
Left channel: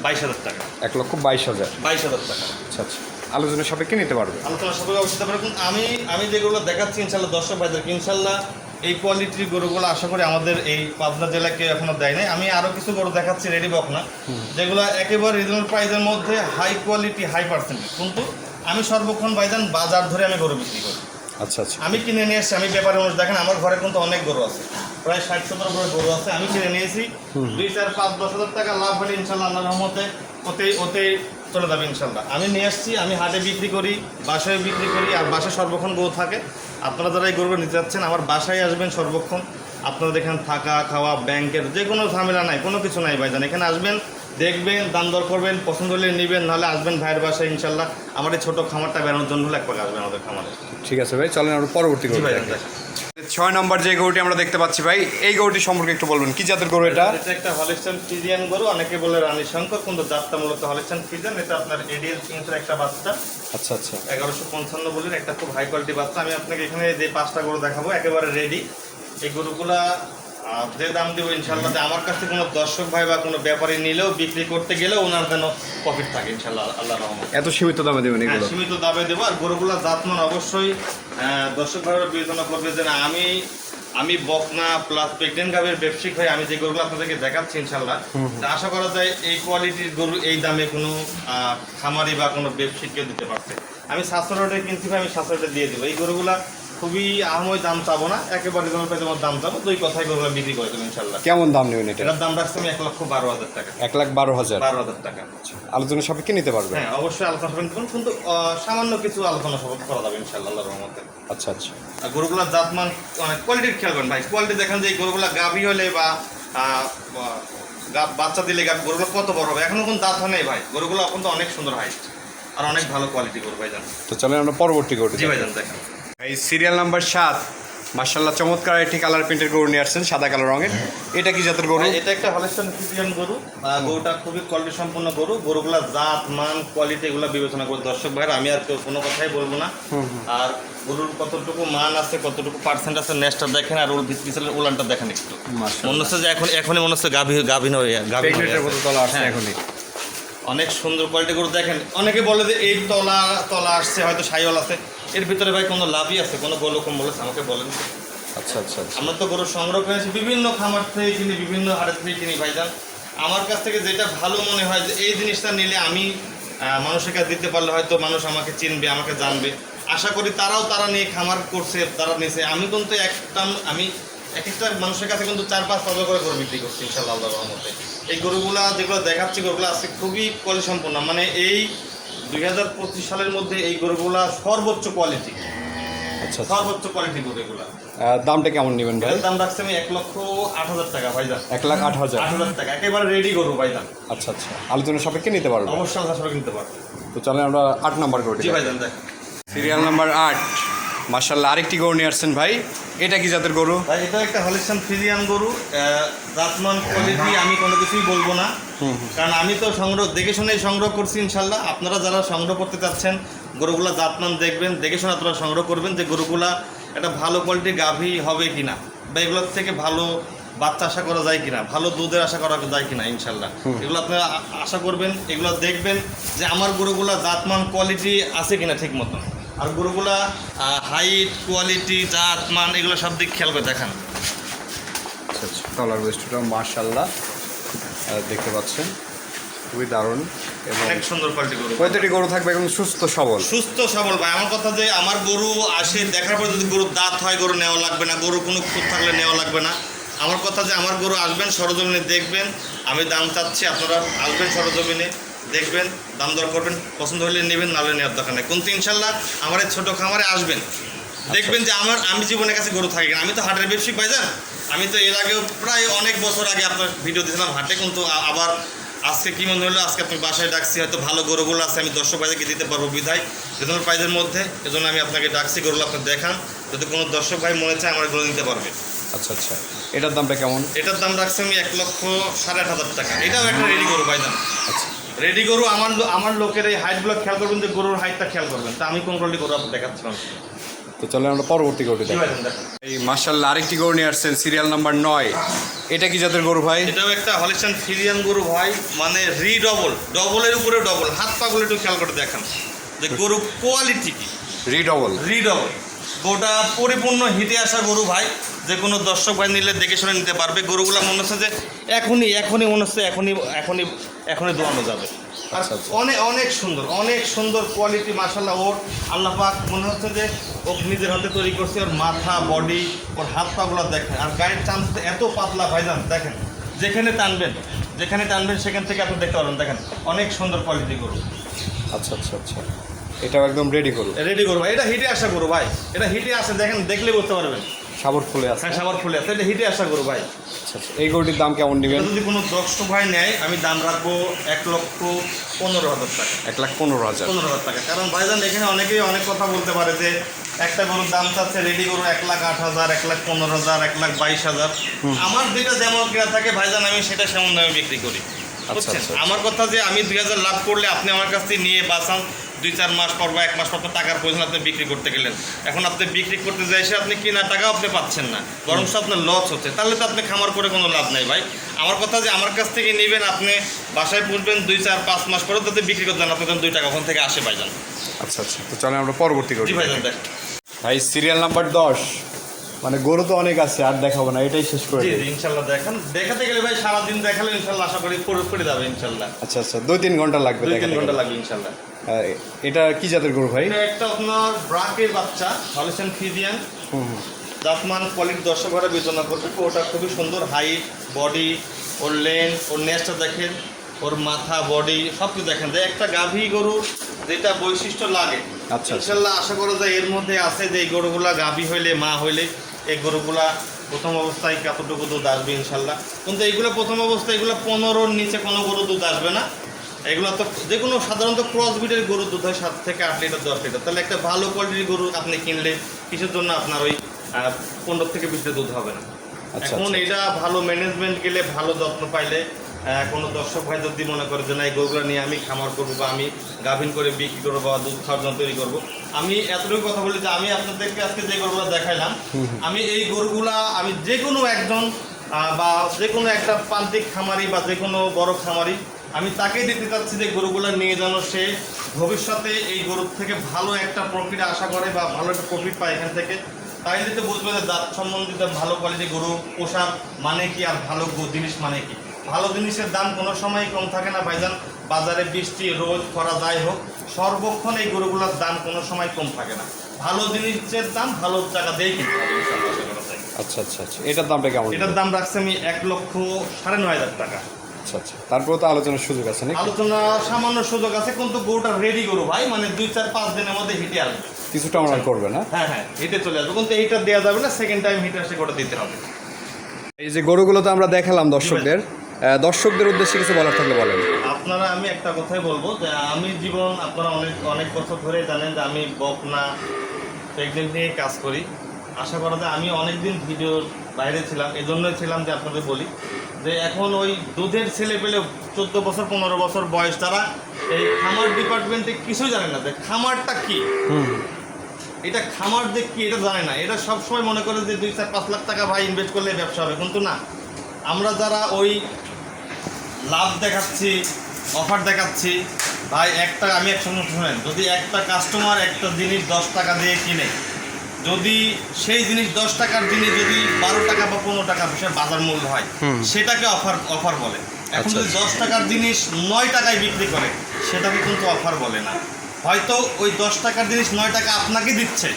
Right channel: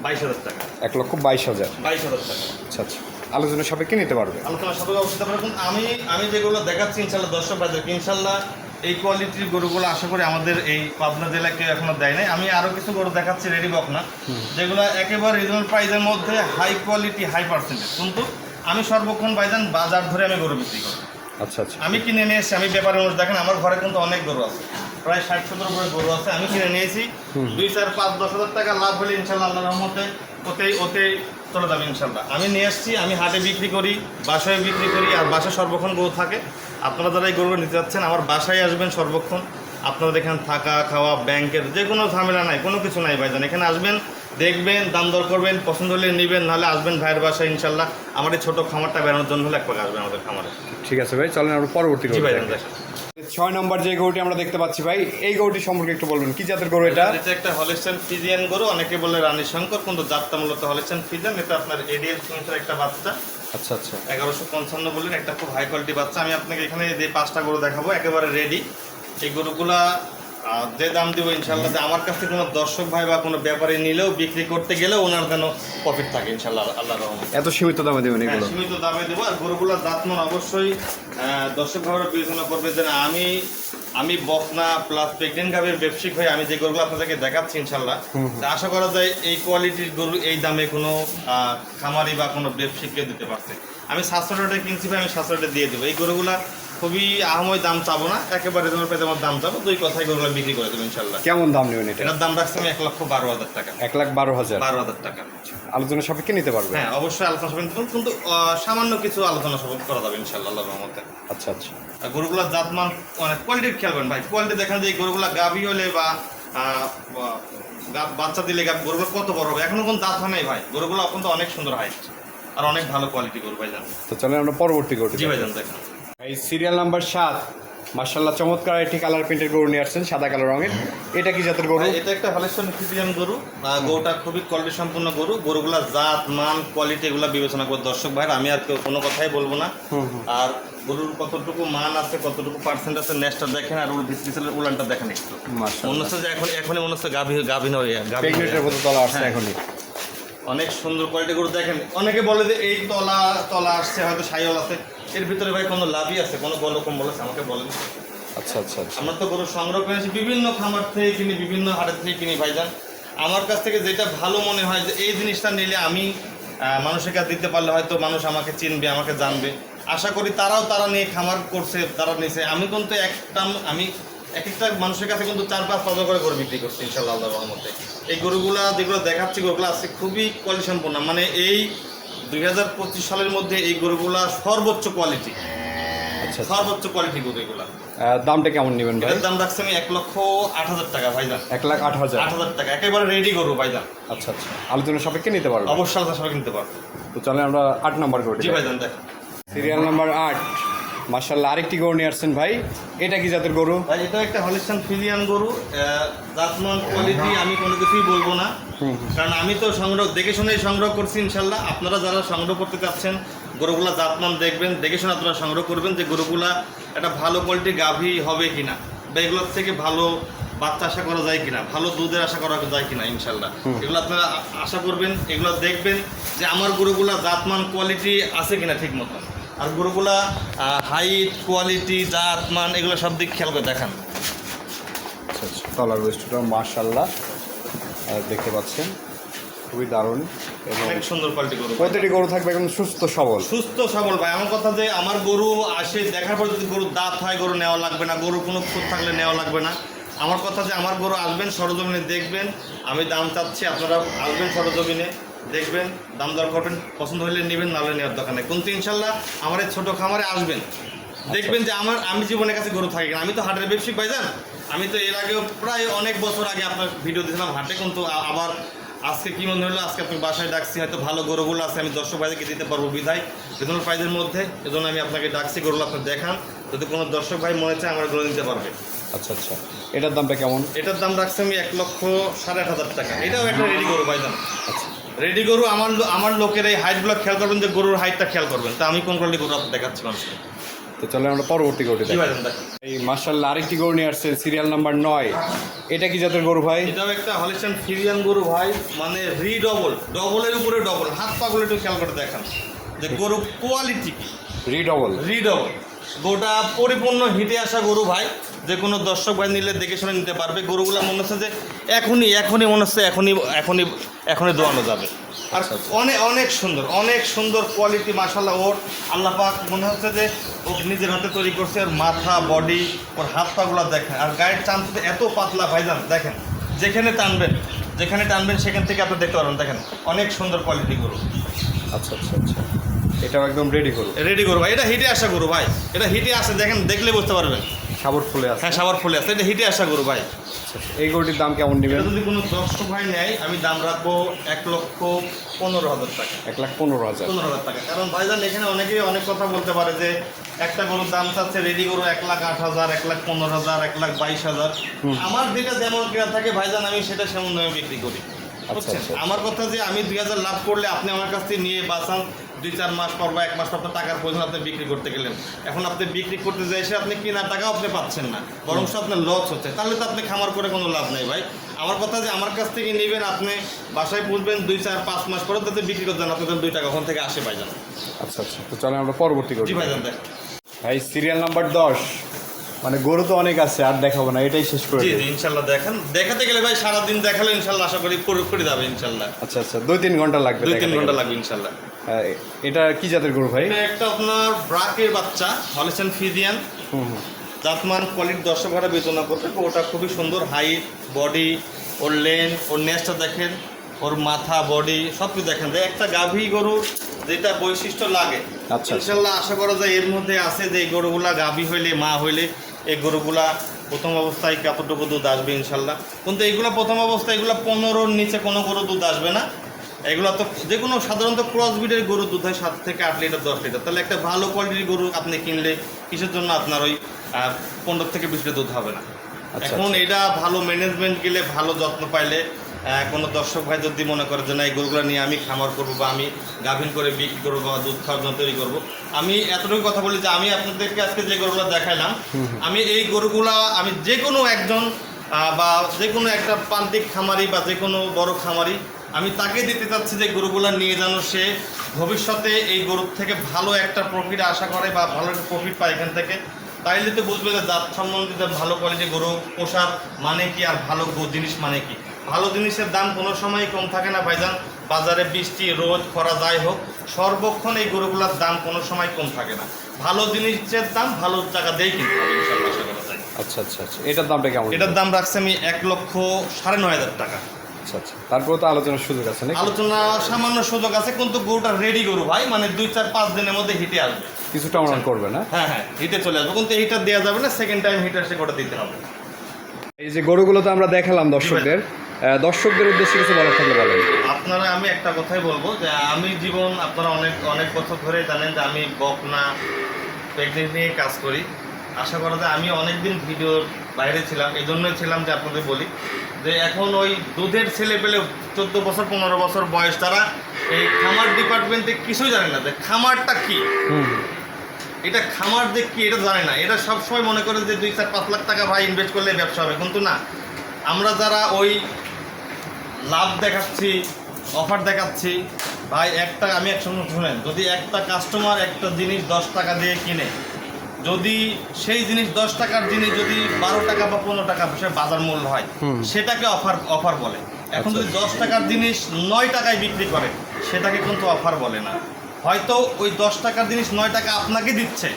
বাইশ হাজার টাকা। এক লক্ষ বাইশ হাজার। বাইশ হাজার টাকা। আচ্ছা আচ্ছা। আলোচনা সাপেক্ষে নিতে পারবে। আলোচনা সাথে অবস্থা পারবেন আমি আমি যেগুলো দেখাচ্ছি ইনশাল্লাহ দর্শক বাজারকে ইনশাল্লাহ এই কোয়ালিটির গরুগুলো আশা করি আমাদের এই পাবনা জেলাকে এখনও দেয় নাই। আমি আরও কিছু গরু দেখাচ্ছি রেডি বকনা যেগুলো একেবারে রিজনাল প্রাইজের মধ্যে হাই কোয়ালিটি হাই পার্সেন্টেজ কিন্তু আমি সর্বক্ষণ বাইজান বাজার ধরে আমি গরু বিক্রি করি। আচ্ছা আচ্ছা। আমি কিনে নিয়ে এসেছি আমি ব্যাপারে মানুষ দেখেন আমার ঘরে কিন্তু অনেক গরু আছে। প্রায় ষাট সত্তর করে গরু আছে আমি কিনে নিয়েছি। দুই চার পাঁচ দশ হাজার টাকা লাভ হলে ইনশাল্লাহ আল্লাহ রহমতে ওতেই ওতেই চলে যাবে ইনশাল্লাহ। আমি নিয়ে আসছি আমি হাটে বিক্রি করি বাসায় বিক্রি করি আর বাসায় সর্বক্ষণ গরু থাকে। আপনারা যারা এই গরুগুলো নিতে যাচ্ছেন আমার বাসায় আসবেন সর্বক্ষণ। আপনারা এখানে থাকা খাওয়া ব্যাংকের যে কোনো ঝামেলা নাই কোনো কিছু নাই ভাইজান। এখানে আসবেন দেখবেন দাম দর করবেন পছন্দ হলে নেবেন নাহলে আসবেন ভাইয়ের বাসায় ইনশাল্লাহ। আমার এই ছোটো খামারটা বেড়ানোর জন্য হলে এক পাক আসবেন আমাদের খামারে। ঠিক আছে ভাই চলেন আমরা পরবর্তী জি ছয় নম্বর যে গরুটি আমরা দেখতে পাচ্ছি ভাই এই গরুটি সম্পর্কে একটু বলবেন। কি জাতের গরু এটা? এটা একটা হলিস্টাইন ফ্রিজিয়ান গরু। অনেকে বলে রানী শঙ্কর কিন্তু জাতটা মূলত হলিস্টাইন ফ্রিজিয়ান। এটা আপনার এডিএল সংসার একটা বাচ্চা। আচ্ছা আচ্ছা। এগারোশো পঞ্চান্ন বলেন একটা খুব হাই কোয়ালিটি বাচ্চা। আমি আপনাকে এখানে যে পাঁচটা গরু দেখাবো একেবারে রেডি এই গরুগুলা যে দাম দিব ইনশাল্লাহ যে আমার কাছে কোনো দর্শক ভাই বা কোনো ব্যাপারে নিলেও বিক্রি করতে গেলেও ওনার যেন প্রফিট থাকে ইনশাল্লাহ আল্লাহ রহমান এত সীমিত দামে দেবেন এগুলো? হ্যাঁ, সীমিত দামে দেবো আর গরুগুলা জাতমান অবশ্যই দর্শক ভাইরা বিবেচনা করবে যে আমি আমি বকনা প্লাস প্রেগনেন্ট গাভীর ব্যবসায়িক হয়ে আমি যে গরুগুলো আপনাদেরকে দেখাচ্ছি ইনশাল্লাহ তা আশা করা যায় এই কোয়ালিটির গরু এই দামে কোনো খামারি বা কোনো ব্যবসায়িক কেউ দিতে পারছে আমি সাতশো রেটে কিনছি ভাই আমি সাতশো রেটে দিয়ে দেবো। এই গরুগুলা খুবই আহময় দাম চাবো না একেবারে তোমার পেতে আমার দাম চাবো দুই কথায় গরুগুলো বিক্রি করে দেবো ইনশাল্লাহ কেমন দাম নেবেন এটা? এটার দাম রাখছি আমি এক লক্ষ বারো হাজার টাকা। এক লাখ বারো হাজার? বারো হাজার টাকা। আলোচনা সাপেক্ষে নিতে পারবে? হ্যাঁ অবশ্যই আলোচনা সবেন কিন্তু সামান্য কিছু আলোচনা সব করা যাবে ইনশাল্লাহ আল্লাহর রহমতে। আচ্ছা আচ্ছা। গরুগুলার জাতমান অনেক কোয়ালিটির খেয়াল করেন ভাই। কোয়ালিটি দেখেন যে গরুগুলা গাভী হলে বা বাচ্চা দিলে গাভী গরুগুলো কত বড় হবে? এখনও কোনো দাঁত হয় নাই ভাই। গরুগুলো এখন তো অনেক সুন্দর হাইট আর অনেক ভালো কোয়ালিটি গরু ভাই জান। তো চলেন আমরা পরবর্তী গরুটি জি ভাই। জান দেখেন। এই সিরিয়াল নাম্বার সাত। মার্শাল্লাহ চমৎকার একটি কালার প্রিন্টের গরু নিয়ে আসছেন সাদা কালো রঙের। এটা কি জাতের গরু? এটা একটা হলেস্টন ফিজিয়ান গরু। গরুটা খুবই কোয়ালিটি সম্পূর্ণ গরু। গরুগুলা জাত মান কোয়ালিটি এগুলো বিবেচনা করে দর্শক ভাই আমি আর কেউ- কোনো কথাই বলব না। আর গরুর কতটুকু মান আছে কতটুকু পার্সেন্ট আছে নেক্সটটা দেখেন আর ওর ভিতরে উলানটা দেখেন একটু। মনে হচ্ছে যে এখন এখনই মনে হচ্ছে গাভী গাভীন হয়ে তলা আসছে হ্যাঁ। এখনই। অনেক সুন্দর কোয়ালিটি গরু দেখেন। অনেকে বলে যে এই তলা তলা আসছে হয়তো সাইওয়াল আছে। এর ভিতরে ভাই কোনো লাভই আছে? কোনো গোলকম বলেছে আমাকে বলেন। আচ্ছা আচ্ছা আচ্ছা। আমরা তো গরু সংগ্রহ করেছি বিভিন্ন খামার থেকে কিনি বিভিন্ন হাটের থেকে কিনি ভাইজান। আমার কাছ থেকে যেটা ভালো মনে হয় যে এই জিনিসটা নিলে আমি মানুষের কাছে দিতে পারলে হয়তো মানুষ আমাকে চিনবে আমাকে জানবে। আশা করি তারাও তারা নিয়ে খামার করছে তারা নিছে। আমি কিন্তু একটা আমি এক একটা মানুষের কাছে কিন্তু চার পাঁচ পাঁচ করে গরু বিক্রি করছি ইনশাল্লাহ আল্লাহর রহমতে। এই গরুগুলা যেগুলো দেখাচ্ছি গরুগুলো আজকে খুবই কোয়ালিটি সম্পন্ন মানে এই দুই হাজার পঁচিশ সালের মধ্যে এই গরুগুলা সর্বোচ্চ কোয়ালিটি আচ্ছা আচ্ছা। সর্বোচ্চ কোয়ালিটি গরু এগুলা। দামটা কেমন নেবেন ভাই? দাম রাখছি আমি এক লক্ষ আট হাজার টাকা ভাইজান। এক লাখ আট হাজার? আট হাজার টাকা একেবারে রেডি করব ভাইজান। আচ্ছা আচ্ছা। আলোচনা সাপেক্ষে নিতে পারবে অবশ্যই আলোচনা সাপেক্ষে কিনতে পারব। তো চলেন আমরা আট নম্বর গরুটি। ভাইজান দেখ। সিরিয়াল নাম্বার আট। মার্শাল্লাহ আরেকটি গরু নিয়ে আসছেন ভাই। এটা কি জাতের গরু? ভাই এটা একটা হলিস্টান ফিজিয়ান গরু। জাতমান কোয়ালিটি আমি কোনো কিছুই বলব না। কারণ আমি তো সংগ্রহ দেখে শুনেই সংগ্রহ করছি ইনশাল্লাহ আপনারা যারা সংগ্রহ করতে চাচ্ছেন গরুগুলা জাতমান দেখবেন দেখে শুনে আপনারা সংগ্রহ করবেন যে গরুগুলা একটা ভালো কোয়ালিটির গাভী হবে কিনা বা এগুলোর থেকে ভালো বাচ্চা আশা করা যায় কিনা ভালো দুধের আশা করা যায় কিনা ইনশাল্লাহ এগুলো আপনারা আশা করবেন এগুলো দেখবেন যে আমার গরুগুলা জাতমান কোয়ালিটি আছে কিনা ঠিক মতো আর গরুগুলা হাইট কোয়ালিটি জাত মান এগুলো সব দিক খেয়াল করে দেখান। তলার ওয়েস্টটা মার্শাল্লাহ দেখতে পাচ্ছেন। খুবই দারুণ এবং সুন্দর কোয়ালিটি গরু। প্রতিটি গরু থাকবে একদম সুস্থ সবল। সুস্থ সবল ভাই। আমার কথা যে আমার গরু আসে দেখার পর যদি গরুর দাঁত হয় গরু নেওয়া লাগবে না গরু কোনো খুঁত থাকলে নেওয়া লাগবে না। আমার কথা যে আমার গরু আসবেন সরজমিনে দেখবেন। আমি দাম চাচ্ছি আপনারা আসবেন সরজমিনে। দেখবেন দাম দর করবেন পছন্দ হলে নেবেন নাহলে নেওয়ার দরকার নেই। কিন্তু ইনশাল্লাহ আমার ছোটো খামারে আসবেন। দেখবেন যে আমার আমি জীবনের কাছে গরু থাকি। আমি তো হাটের ব্যবসায়িক ভাইজান আমি তো এর আগেও প্রায় অনেক বছর আগে আপনার ভিডিও দিয়েছিলাম হাটে কিন্তু আবার আজকে কি মনে হলো? আজকে আপনি বাসায় ডাকছি হয়তো ভালো গরুগুলো আছে আমি দর্শক ভাইদেরকে দিতে পারব বিধায় যেজন্য প্রাইজের মধ্যে এজন্য আমি আপনাকে ডাকছি গরুগুলো আপনার দেখান। যদি কোনো দর্শক ভাই মনে চায় আমার গরু নিতে পারবে। আচ্ছা আচ্ছা। এটার দামটা কেমন? এটার দাম রাখছি আমি এক লক্ষ সাড়ে আট হাজার টাকা। এটাও একটা রেডি গরু ভাইজান আচ্ছা। রেডি গরু আমার আমার লোকের এই হাইটগুলো খেয়াল করবেন যে গরুর হাইটটা খেয়াল করবেন। তা আমি কোন কোয়ালিটি গরু আপনার দেখাচ্ছি? মানুষকে তো চলে আমরা পরবর্তী গরুটি এই মার্শাল্লাহ আরেকটি গরু নিয়ে আসছেন সিরিয়াল নাম্বার নয়। এটা কি জাতের গরু ভাই? এটাও একটা হলিস্টান ফিরিয়ান গরু ভাই মানে রি ডবল ডবলের উপরে ডবল হাত পাগুলো একটু খেয়াল করে দেখান। যে গরু কোয়ালিটি কি? রিডবল রি ডবল গোটা পরিপূর্ণ হিটে আসা গরু ভাই যে কোনো দর্শক ভাই নিলে দেখে শুনে নিতে পারবে। গরুগুলো মনে হচ্ছে যে এখনই এখনই মনে হচ্ছে এখনই এখনই এখনই দোয়ানো যাবে। আচ্ছা, আচ্ছা। অনেক অনেক সুন্দর অনেক সুন্দর কোয়ালিটি মাসাল্লাহ ওর আল্লাহ পাক মনে হচ্ছে যে ও নিজের হাতে তৈরি করছে ওর মাথা বডি ওর হাত পাগুলো দেখেন। আর গায়ের চান্স এত পাতলা ভাইজান দেখেন যেখানে টানবেন যেখানে টানবেন সেখান থেকে আপনি দেখতে পারবেন দেখেন অনেক সুন্দর কোয়ালিটি গরু। আচ্ছা আচ্ছা আচ্ছা। এটাও একদম রেডি গরু। রেডি ভাই এটা হিটে আসা গরু ভাই এটা হিটে আসে দেখেন দেখলে বুঝতে পারবেন। সাবর ফুলে আছে। হ্যাঁ সাবার ফুলে আছে। এটা হিটে আসা গরু ভাই। আচ্ছা, আচ্ছা। এই গরুটির দাম কেমন নেবেন? যদি কোনো দর্শক ভাই নেয় আমি দাম রাখব এক লক্ষ পনেরো হাজার টাকা। এক লাখ পনেরো হাজার। পনেরো হাজার টাকা। কারণ ভাইজান এখানে অনেকেই অনেক কথা বলতে পারে যে একটা গরুর দাম চাচ্ছে রেডি গরু এক লাখ আট হাজার এক লাখ পনেরো হাজার এক লাখ বাইশ হাজার। আমার যেটা যেমন কেনা থাকে ভাইজান আমি সেটা সেমন দামে বিক্রি করি? আচ্ছা। আমার কথা যে আমি দুই হাজার লাভ করলে আপনি আমার কাছ থেকে নিয়ে বাঁচান দুই চার মাস পর বা এক মাস পর আপনার টাকার প্রয়োজন আপনি বিক্রি করতে গেলেন। এখন আপনি বিক্রি করতে যাই সে আপনি কিনা টাকাও আপনি পাচ্ছেন না। বরং আপনার লস হচ্ছে। তাহলে তো আপনি খামার করে কোনো লাভ নাই ভাই। আমার কথা যে আমার কাছ থেকে নেবেন আপনি বাসায় পুষবেন দুই চার পাঁচ মাস পরে তাতে বিক্রি করতে আপনি তখন দুই টাকা ওখান থেকে আসে ভাইজান আচ্ছা আচ্ছা। তো চলে আমরা পরবর্তী দেখ। ভাই সিরিয়াল নাম্বার দশ। মানে গরু তো অনেক আছে আর দেখাবো না এটাই শেষ করে দিই। ইনশাল্লাহ দেখেন। দেখাতে গেলে ভাই সারাদিন দেখালে ইনশাল্লাহ আশা করি করে করে যাবে ইনশাল্লাহ। আচ্ছা আচ্ছা। দুই তিন ঘণ্টা লাগবে দুই তিন ঘণ্টা লাগবে ইনশাল্লাহ। এটা কি জাতের গরু ভাই? একটা আপনার ব্রাকের বাচ্চা হলেছেন ফিজিয়ান। হুম জাতমান কোয়ালিটির দর্শক বিবেচনা করবে ওটা খুবই সুন্দর হাইট বডি ওর লেন্থ ওর নেসটা দেখেন ওর মাথা বডি সব কিছু দেখেন একটা গাভী গরুর যেটা বৈশিষ্ট্য লাগে। আচ্ছা। ইনশাল্লাহ আশা করা যায় এর মধ্যে আছে যে এই গরুগুলা গাভী হইলে মা হইলে এই গরুগুলা প্রথম অবস্থায় কতটুকু দুধ আসবে ইনশাল্লাহ। কিন্তু এইগুলো প্রথম অবস্থায় এগুলো পনেরোর নিচে কোনো গরু দুধ আসবে না। এগুলো তো যে কোনো সাধারণত ক্রস ব্রিডের গরুর দুধ হয় সাত থেকে আট লিটার দশ লিটার তাহলে একটা ভালো কোয়ালিটির গরু আপনি কিনলে কিছুর জন্য আপনার ওই পনেরো থেকে বিশ লিটার দুধ হবে না? আচ্ছা, এখন আচ্ছা। এটা ভালো ম্যানেজমেন্ট গেলে ভালো যত্ন পাইলে কোনো দর্শক ভাই যদি মনে করে যে না এই গরুগুলো নিয়ে আমি খামার করব বা আমি গাভিন করে বিক্রি করব বা দুধ খাওয়ার জন্য তৈরি করব আমি এতটুকু কথা বলি যে আমি আপনাদেরকে আজকে যে গরুগুলো দেখাইলাম আমি এই গরুগুলা আমি যে কোনো একজন বা যে কোনো একটা পান্তিক খামারি বা যে কোনো বড় খামারি আমি তাকে দিতে চাচ্ছি যে গরুগুলো নিয়ে যেন সে ভবিষ্যতে এই গরুর থেকে ভালো একটা প্রফিট আশা করে বা ভালো একটা প্রফিট পায় এখান থেকে। তাই যদি বুঝবে যে জাত সম্বন্ধিত ভালো কোয়ালিটি গরু পোষার মানে কি আর ভালো জিনিস মানে কি? ভালো জিনিসের দাম কোনো সময় কম থাকে না ভাইজান। বাজারে বৃষ্টি রোদ খরা যাই হোক সর্বক্ষণ এই গরুগুলোর দাম কোনো সময় কম থাকে না। ভালো জিনিসের দাম ভালো টাকা দেয় কিনতে হবে। যায়। আচ্ছা আচ্ছা আচ্ছা। এটার দামটা কেমন? এটার দাম রাখছে আমি এক লক্ষ সাড়ে নয় হাজার টাকা। আচ্ছা আচ্ছা। তারপরে তো আলোচনার সুযোগ আছে নাকি? আলোচনা সামান্য সুযোগ আছে কিন্তু গরুটা রেডি গরু ভাই মানে দুই চার পাঁচ দিনের মধ্যে হিটে আসবে। কিছুটা আমরা করবে না? হ্যাঁ হ্যাঁ হিটে চলে আসবে কিন্তু হিটার দেওয়া যাবে না সেকেন্ড টাইম হিটার সে গোটা দিতে হবে। এই যে গরুগুলো তো আমরা দেখালাম দর্শকদের। দর্শকদের উদ্দেশ্যে কিছু বলার থাকলে বলেন। আপনারা আমি একটা কথাই বলব যে আমি জীবন আপনারা অনেক অনেক বছর ধরে জানেন যে আমি বকনা প্রেগনেন্ট নিয়ে কাজ করি। আশা করা যায় আমি অনেকদিন ভিডিওর বাইরে ছিলাম এই জন্যই ছিলাম যে আপনাদের বলি। যে এখন ওই দুধের ছেলে পেলে চোদ্দ বছর পনেরো বছর বয়স তারা এই খামার ডিপার্টমেন্টে কিছুই জানে না যে খামারটা কি? এটা খামার যে কি এটা জানে না। এটা সবসময় মনে করে যে দুই চার পাঁচ লাখ টাকা ভাই ইনভেস্ট করলে ব্যবসা হবে। কিন্তু না আমরা যারা ওই লাভ দেখাচ্ছি অফার দেখাচ্ছি ভাই একটা আমি একসঙ্গে শুনেন যদি একটা কাস্টমার একটা জিনিস দশ টাকা দিয়ে কিনে যদি সেই জিনিস দশ টাকার জিনিস যদি বারো টাকা বা পনেরো টাকা বাজার মূল্য হয় সেটাকে অফার অফার বলে। এখন আচ্ছা, যদি। দশ টাকার জিনিস নয় টাকায় বিক্রি করে সেটাকে কিন্তু অফার বলে না। হয়তো ওই দশ টাকার জিনিস নয় টাকা আপনাকে দিচ্ছে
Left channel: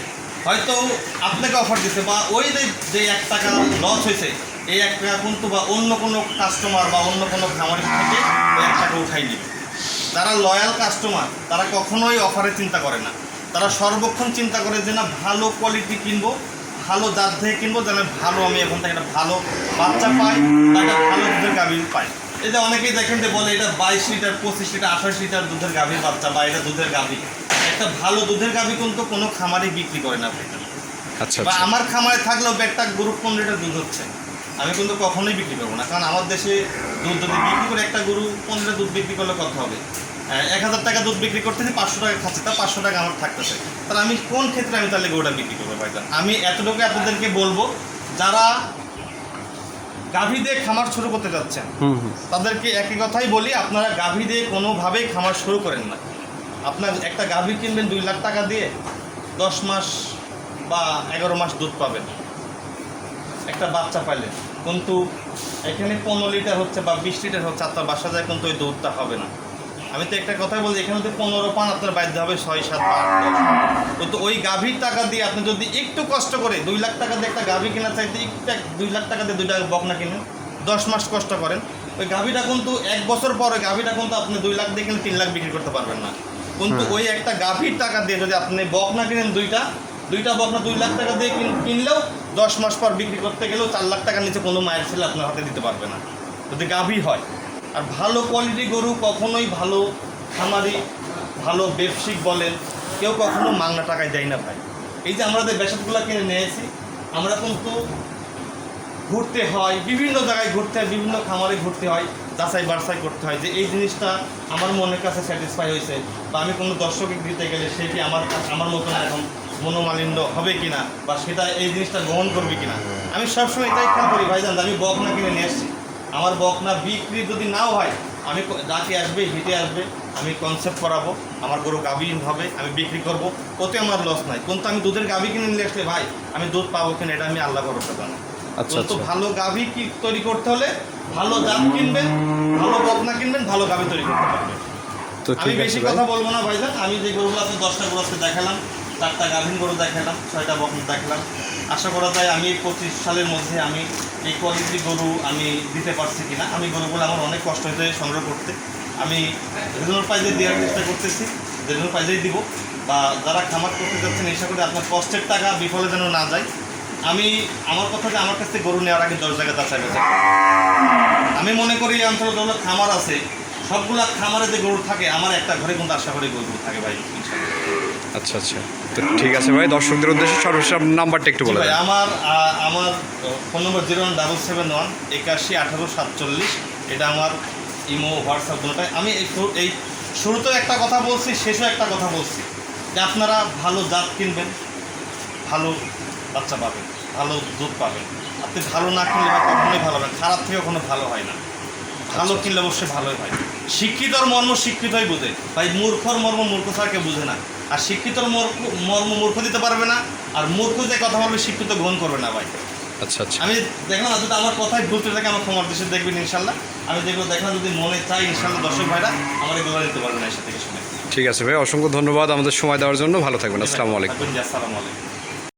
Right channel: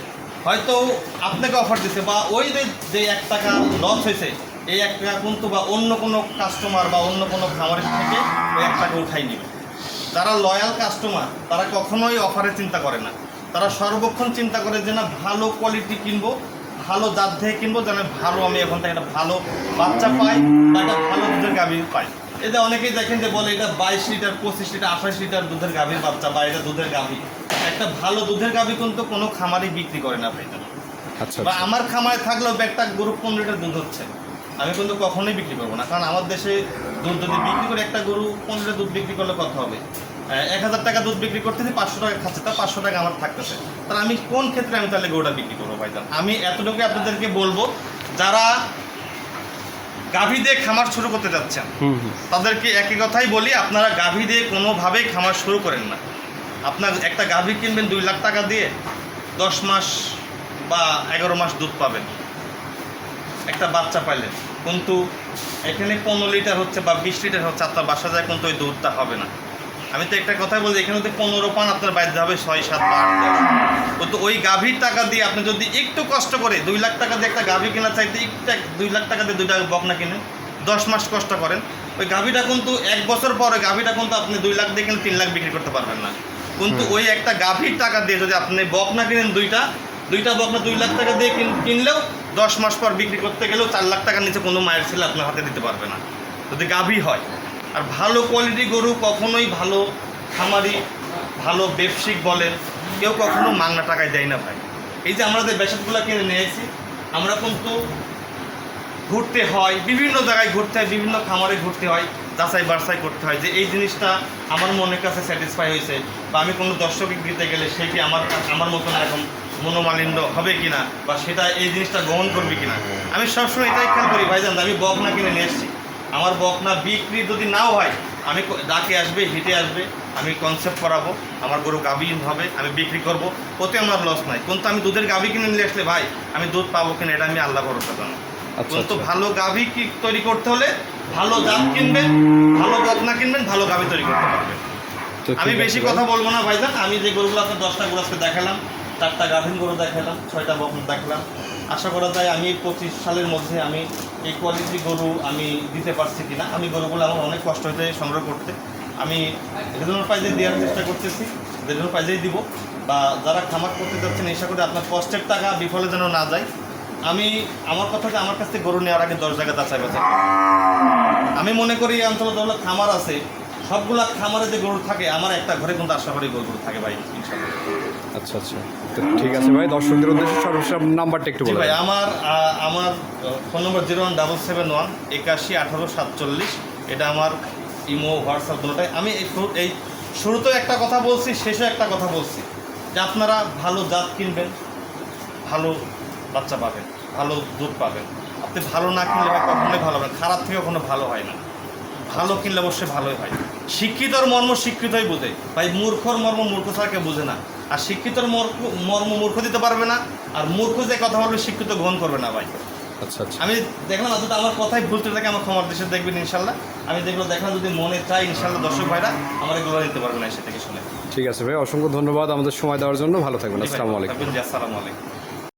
হয়তো আপনাকে অফার দিচ্ছে বা ওই যে- যে এক টাকা লস হয়েছে এই এক টাকা কিন্তু বা অন্য কোনো কাস্টমার বা অন্য কোনো খামারের থেকে ওই এক টাকা উঠাই নেবে যারা লয়াল কাস্টমার তারা কখনোই অফারের চিন্তা করে না। তারা সর্বক্ষণ চিন্তা করে যে না ভালো কোয়ালিটি কিনবো ভালো জাত থেকে কিনবো যেন ভালো আমি এখন থেকে একটা ভালো বাচ্চা পাই বা একটা ভালো দুধের গাভী পাই। এটা অনেকেই দেখেন যে বলে এটা বাইশ লিটার পঁচিশ লিটার আঠাশ লিটার দুধের গাভীর বাচ্চা বা এটা দুধের গাভী। একটা ভালো দুধের গাভী কিন্তু কোনো খামারই বিক্রি করে না ভাই আচ্ছা বা আচ্ছা। আমার খামারে থাকলেও একটা গরু পনেরো লিটার দুধ হচ্ছে। আমি কিন্তু কখনোই বিক্রি করব না। কারণ আমার দেশে দুধ যদি বিক্রি করে একটা গরু পনেরো লিটার দুধ বিক্রি করলে কত হবে? এক হাজার টাকা দুধ বিক্রি করতেছি পাঁচশো টাকা খাচ্ছে তা পাঁচশো টাকা আমার থাকতেছে। তাহলে আমি কোন ক্ষেত্রে আমি তাহলে গরুটা বিক্রি করব ভাইজান? আমি এতটুকু আপনাদেরকে বলব যারা গাভী দিয়ে খামার শুরু করতে যাচ্ছেন তাদেরকে একই কথাই বলি আপনারা গাভী দিয়ে কোনোভাবেই খামার শুরু করেন না। আপনার একটা গাভী কিনবেন দুই লাখ টাকা দিয়ে দশ মাস বা এগারো মাস দুধ পাবেন। একটা বাচ্চা পাইলেন কিন্তু এখানে পনেরো লিটার হচ্ছে বা বিশ লিটার হচ্ছে আপনার বাসা যায় কিন্তু ওই দুধটা হবে না। আমি তো একটা কথাই বলছি এখানে পনেরো পান আপনার বাধ্য হবে ছয় সাত বা আট কিন্তু ওই গাভীর টাকা দিয়ে আপনি যদি একটু কষ্ট করে দুই লাখ টাকা দিয়ে একটা গাভী কেনা চাইতে একটু এক- দুই লাখ টাকা দিয়ে দুইটা বকনা কিনেন দশ মাস কষ্ট করেন ওই গাভীটা কিন্তু এক বছর পরে গাভীটা কিন্তু আপনি দুই লাখ দিয়ে কিনে তিন লাখ বিক্রি করতে পারবেন না। কিন্তু ওই একটা গাভীর টাকা দিয়ে যদি আপনি বকনা কিনেন দুইটা দুইটা বকনা দুই লাখ টাকা দিয়ে কিন- কিনলেও দশ মাস পর বিক্রি করতে গেলেও চার লাখ টাকার নিচে কোনো মায়ের ছেলে আপনার হাতে দিতে পারবে না যদি গাভী হয়। আর ভালো কোয়ালিটি গরু কখনোই ভালো খামারি, ভালো ব্যবসায়িক বলেন, কেউ কখনো মাংনা টাকায় দেয় না ভাই। এই যে আমাদের বেসাদগুলো কিনে নিয়ে এসেছি, আমরা কিন্তু ঘুরতে হয়, বিভিন্ন জায়গায় ঘুরতে হয়, বিভিন্ন খামারে ঘুরতে হয়, যাচাই বাছাই করতে হয় যে এই জিনিসটা আমার মনের কাছে স্যাটিসফাই হয়েছে বা আমি কোনো দর্শকে দিতে গেলে সে কি আমার আমার মতন এখন মনোমালিন্য হবে কিনা বা সেটা এই জিনিসটা গ্রহণ করবে কিনা। আমি সবসময় এটাই খেয়াল করি ভাই ভাইজান, আমি বকনা কিনে নিয়ে এসেছি আমার বকনা বিক্রি যদি নাও হয় আমি ডাকে আসবে হেঁটে আসবে আমি কনসেপ্ট করাবো আমার গরু গাভী হবে আমি বিক্রি করব ওতে আমার লস নাই। কিন্তু আমি দুধের গাভী কিনে নিয়ে আসলে ভাই আমি দুধ পাবো কিনা এটা আমি আল্লাহ ভরসা জানো কিন্তু আচ্ছা। ভালো গাভী কি তৈরি করতে হলে ভালো দাম কিনবেন ভালো বকনা কিনবেন ভালো গাভী তৈরি করতে পারবেন। তো আমি বেশি কথা বলব না ভাইজান আমি যে গরুগুলো আছে দশটা গরু আজকে দেখালাম চারটা গাভীন গরু দেখালাম, ছয়টা বকন দেখালাম। আশা করা যায় আমি পঁচিশ সালের মধ্যে আমি এই কোয়ালিটি গরু আমি দিতে পারছি কিনা। আমি গরুগুলো আমার অনেক কষ্ট হতে সংগ্রহ করতে। আমি রিজনাল প্রাইজে দেওয়ার চেষ্টা করতেছি রিজনাল প্রাইজেই দিব। বা যারা খামার করতে যাচ্ছেন, আশা করি আপনার কষ্টের টাকা বিফলে যেন না যায়। আমি, আমার কথা যে আমার কাছ থেকে গরু নেওয়ার আগে দশ জায়গায় যাচাই বাছাই আমি মনে করি এই অঞ্চলে যেগুলো খামার আছে, সবগুলা খামারে যে গরু থাকে, আমার একটা ঘরে কিন্তু আশা করি গরু থাকে ভাই, ইনশাল্লাহ। আচ্ছা আচ্ছা। তো ঠিক আছে ভাই দর্শকদের উদ্দেশ্যে সর্বশেষ নাম্বারটা একটু বলে ভাই আমার আমার phone number zero one double seven one একাশি আঠারো সাতচল্লিশ। এটা আমার ইমো হোয়াটসঅ্যাপ দুটোটাই আমি এই শুরু- এই শুরুতেও একটা কথা বলছি শেষেও একটা কথা বলছি। যে আপনারা ভালো জাত কিনবেন ভালো বাচ্চা পাবেন ভালো দুধ পাবেন। আপনি ভালো না কিনলে হয় কখনোই ভালো হবে খারাপ থেকে কখনো ভালো হয় না। ভালো কিনলে অবশ্যই ভালোই হয়। শিক্ষিতর মর্ম শিক্ষিতই বোঝে। ভাই মূর্খর মর্ম মূর্খ ছাড়া কেউ বোঝে না। আর শিক্ষিতর মর্ম মূর্খ দিতে পারবে না আর মূর্খ যে কথা বলবে শিক্ষিত গ্রহণ করবে না ভাই। আচ্ছা আচ্ছা। আমি দেখলাম যদি আমার কথাই ভুলতে থাকে আমার ক্ষমার দেশে দেখবেন ইনশাল্লাহ। আমি যেগুলো দেখলাম যদি মনে চাই ইনশাল্লাহ দর্শক ভাইরা আমার এগুলো নিতে পারবেন এসে থেকে শুনে। ঠিক আছে ভাই অসংখ্য ধন্যবাদ আমাদের সময় দেওয়ার জন্য। ভালো থাকবেন আসসালামু আলাইকুম। আসসালামু আলাইকুম।